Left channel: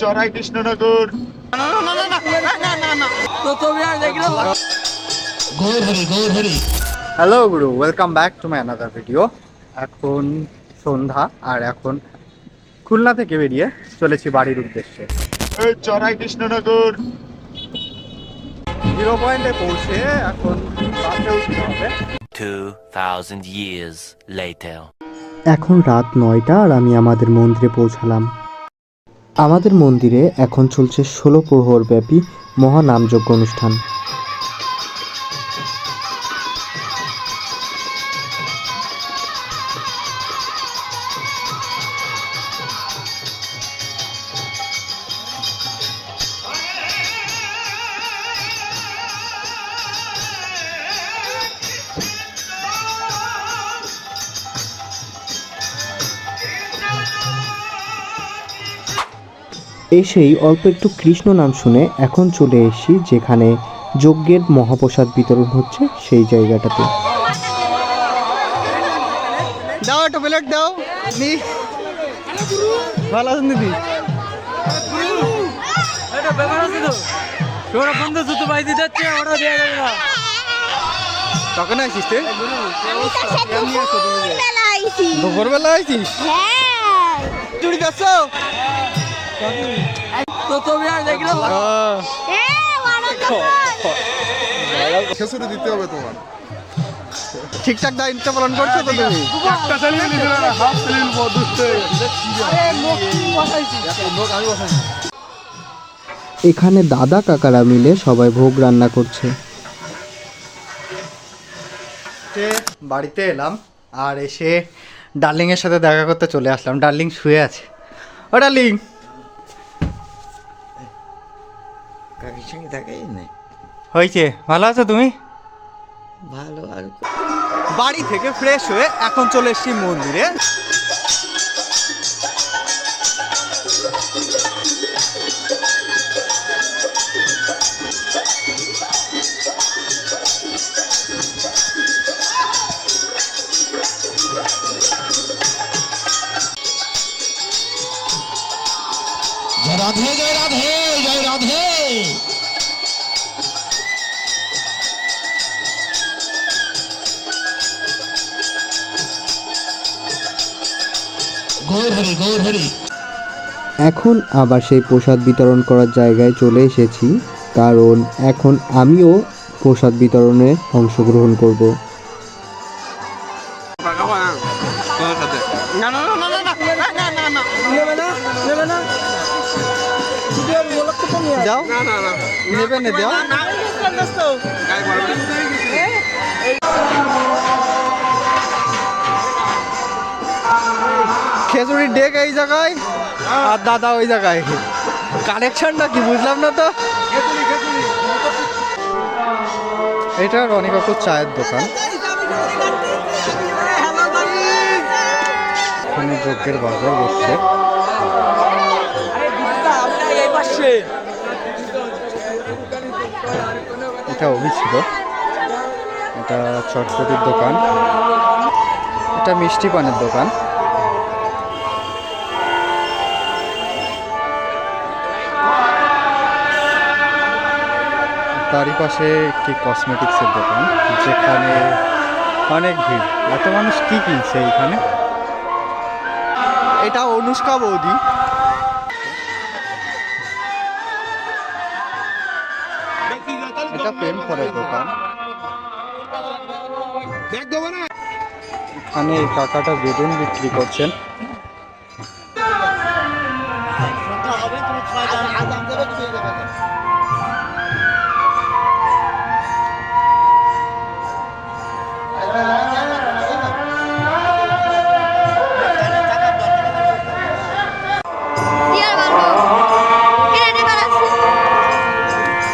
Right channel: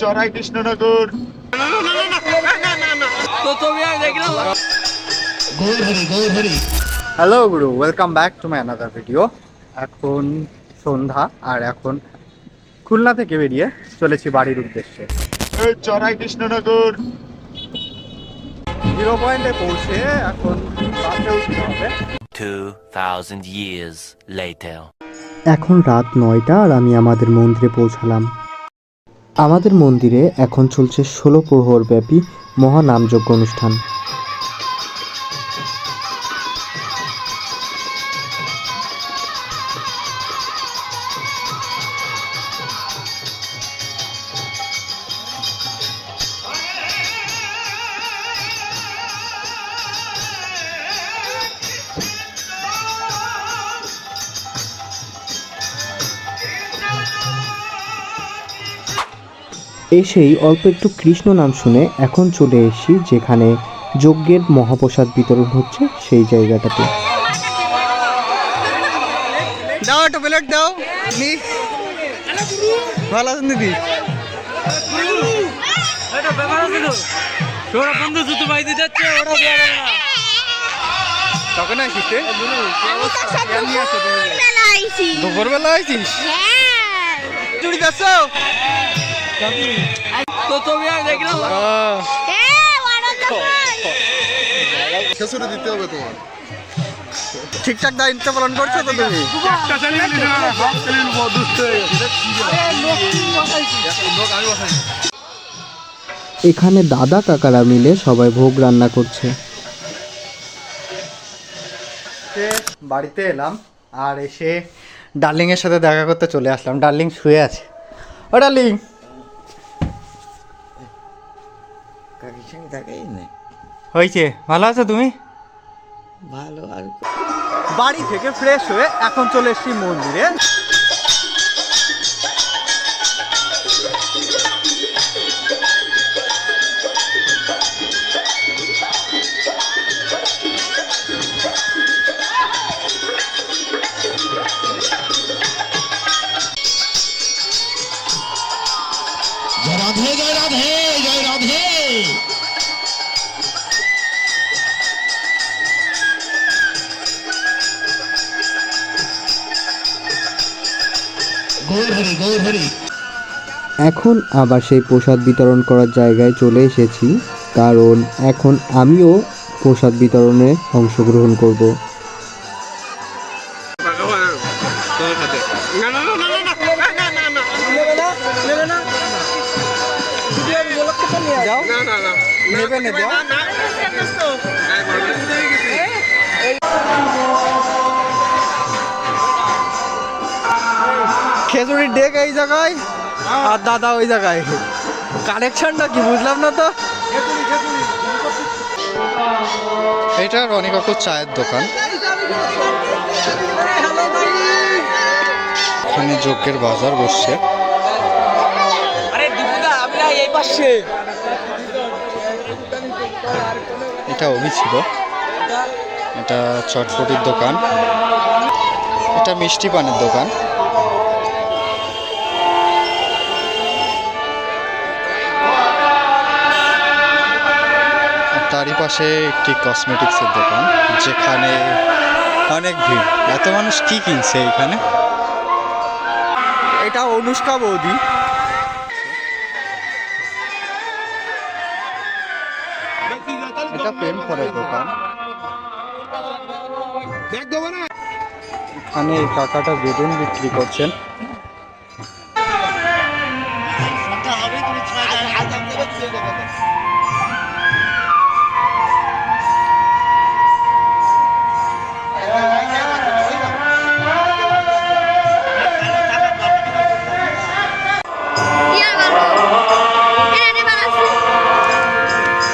চড়াই Krishnanagar. Hello Guru, welcome back to my another video. এখন সন্ধ্যা আর এখন খুলনা থেকে বেরিয়ে চলেছি বাড়ির উদ্দেশ্যে। চড়াই কৃষ্ণনগর 0 পয়েন্টে পৌঁছে এখন বাসে উঠতে হবে। 2000 years later. এখন রাত 9টা আর আমি আমাদের মন্দিরে পৌঁছালাম। আমাদের মন্দিরে এখন চলছে 16 প্রহর ব্যাপী মহানামযজ্ঞ অনুষ্ঠান। এসেই অল্প একটু কৃষ্ণ নাম শুনে এখন চলে এসেছি যেখানে যজ্ঞের মহাপ্রসাদ বিতরণ হচ্ছে সেই জায়গাটাতে। দাও একটা প্লেট দাও। ভালো আছেন দিদি? কখন আসিস? দুপুরবেলা আইছিস? চুরি যাচ্ছ? দিতে হবে তোমার। ঠিকঠাক দায়িত্ব পালন করছো তো তুমি? এখানে দাদা কাকারা মিলে সবাই ভোগ রান্না করছে। বাড়িতে এলাম আর এসে ডার্লিং এর সাথে দেখা করতে চলে আসলাম। ডার্লিং শুয়ে আছে। ও ডার্লিং, হয়েছে? ভালো আছো তুমি? ভালো। আর বাড়ি থেকে ফ্রেশ হয়ে এখন চলে এসেছি মন্দিরে। রাধে জয় রাধে জয় রাধে। এখন আবার সেই প্রসাদ বিতরণ করার জায়গায় চলে এসেছি, কারণ এখন আমিও প্রসাদ বিতরণে অংশগ্রহণ করব। খেজুরির ডেক এই জায়গায় আর দাদা ওই জায়গায়। কানেকশনটা কি বুঝলাম না তো। এটা রনি কাকুর চায়ের দোকান। এখানে যজ্ঞের বাজার বসছে। এটা অভি ছিল। এটা চটপটির দোকান। এটা মিষ্টি পানের দোকান। তারই পাশে একটি কসমেটিক্সের দোকান, যেখানে অনেক ভিড়। এত মানুষ কি কিনছে এইখানে? এটা অনুষ্কা বৌদি। এটা পেন ফলের দোকান। এখানে এই কাকাটা বেলুন বিক্রি করছেন।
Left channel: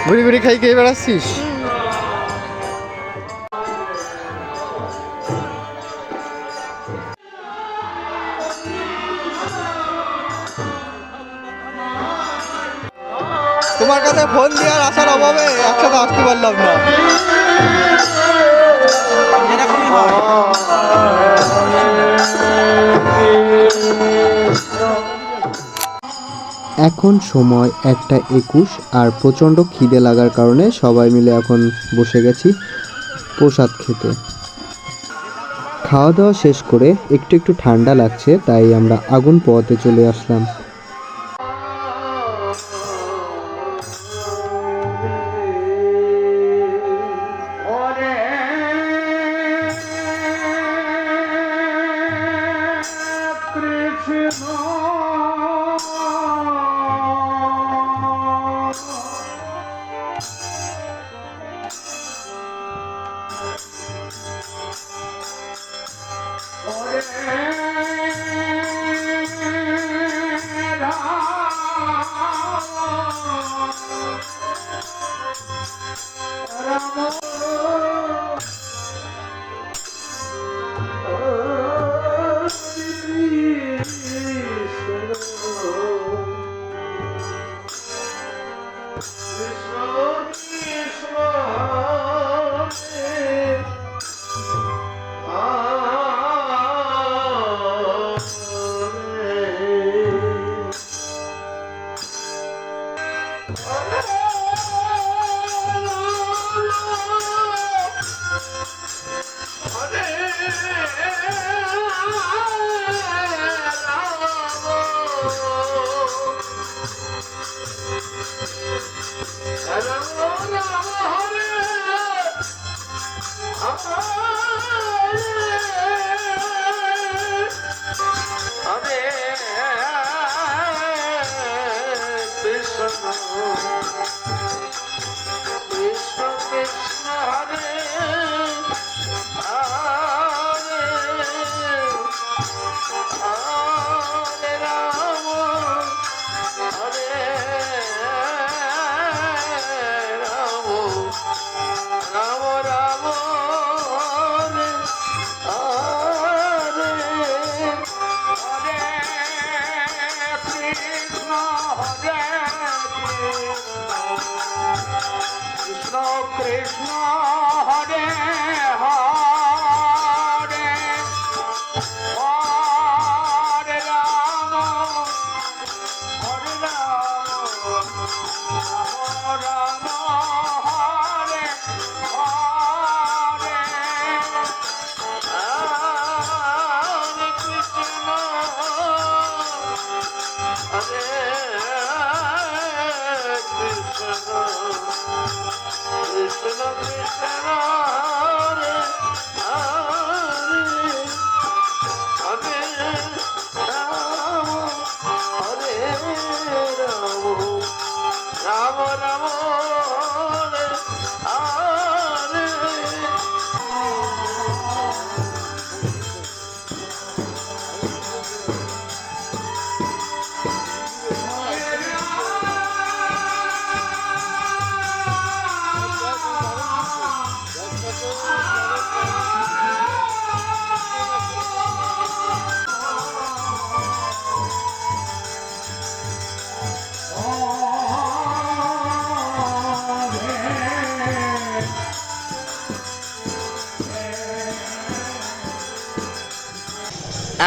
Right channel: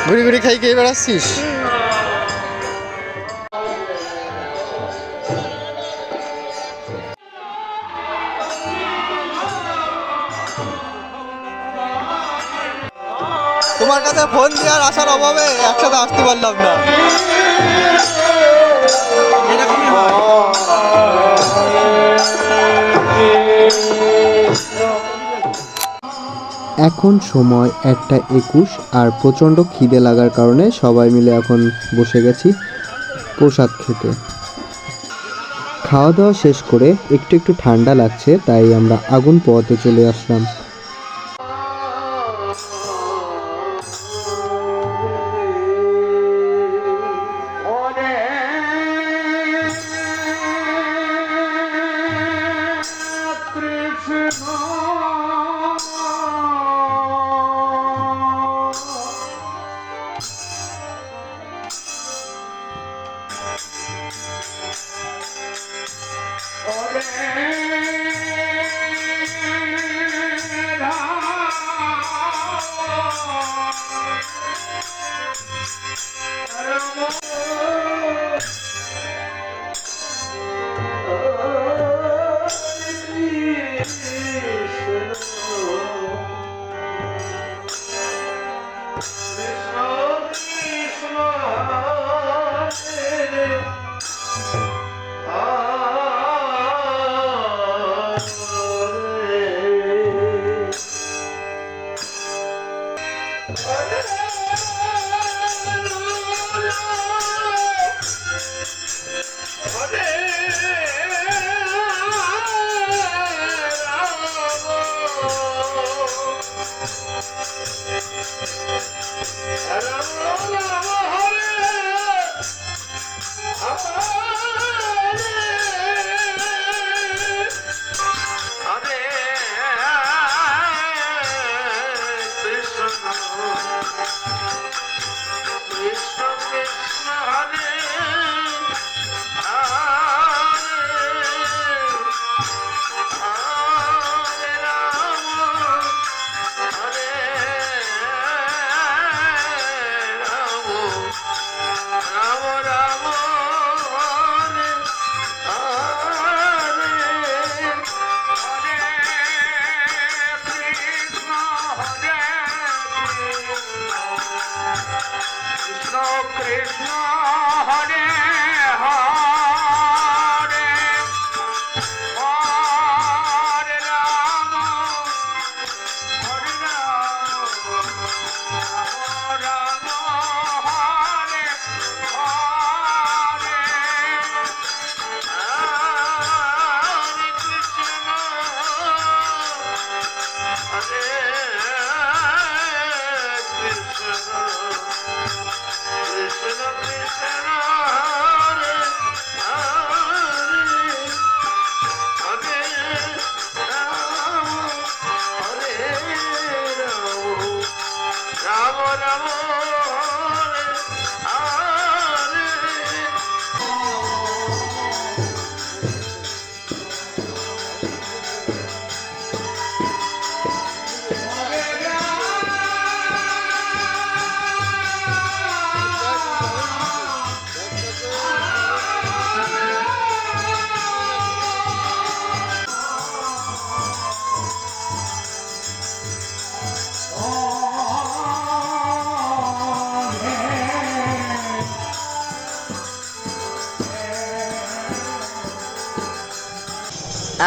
ঘুরি ঘুরি খাই খেয়ে বেড়াচ্ছিস? তোমার কাছে ফোন দেওয়ার আসার অভাবে একসাথে আসতে পারলাম না। এখন সময় 1:21 আর প্রচণ্ড খিদে লাগার কারণে সবাই মিলে এখন বসে গেছি প্রসাদ খেতে। খাওয়া দাওয়া শেষ করে একটু একটু ঠান্ডা লাগছে, তাই আমরা আগুন পোয়াতে চলে আসলাম।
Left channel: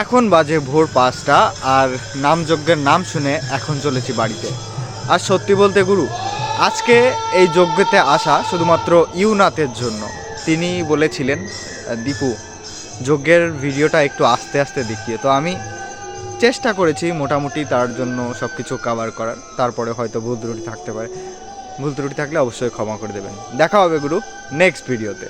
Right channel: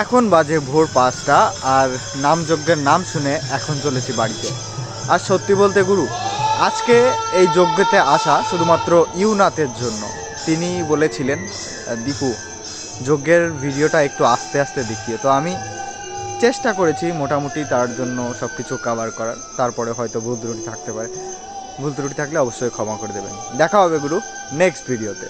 এখন বাজে ভোর 5টা আর নামযজ্ঞের নাম শুনে এখন চলেছি বাড়িতে। আর সত্যি বলতে গুরু, আজকে এই যজ্ঞতে আসা শুধুমাত্র ইউনাথের জন্য। তিনি বলেছিলেন, দীপু যজ্ঞের ভিডিওটা একটু আস্তে আস্তে দেখিয়ে, তো আমি চেষ্টা করেছি মোটামুটি তার জন্য সব কিছু কভার করার। তারপরে হয়তো ভুল ত্রুটি থাকতে পারে, ভুল ত্রুটি থাকলে অবশ্যই ক্ষমা করে দেবেন। দেখা হবে গুরু নেক্সট ভিডিওতে।